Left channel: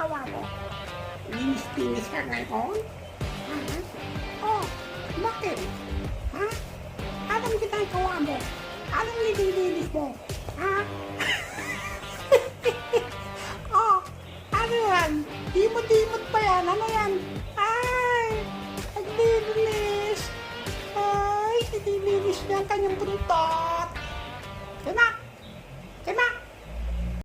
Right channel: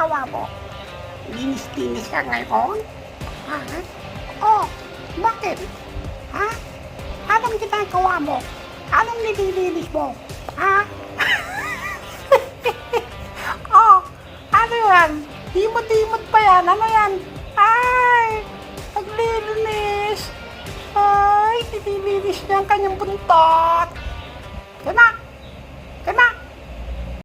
ginagawa mo? Linis-linis ka ngayon? Ha? Oh, bakit? Ha? Anong ginagawa mo? Anong nililinis mo? Ha? Oh, ano yan? Dimot-dimot pa yan. Ano yan? Ay, naglilinis. Ay, nililinis niya ang kanyang buntot. Yan na.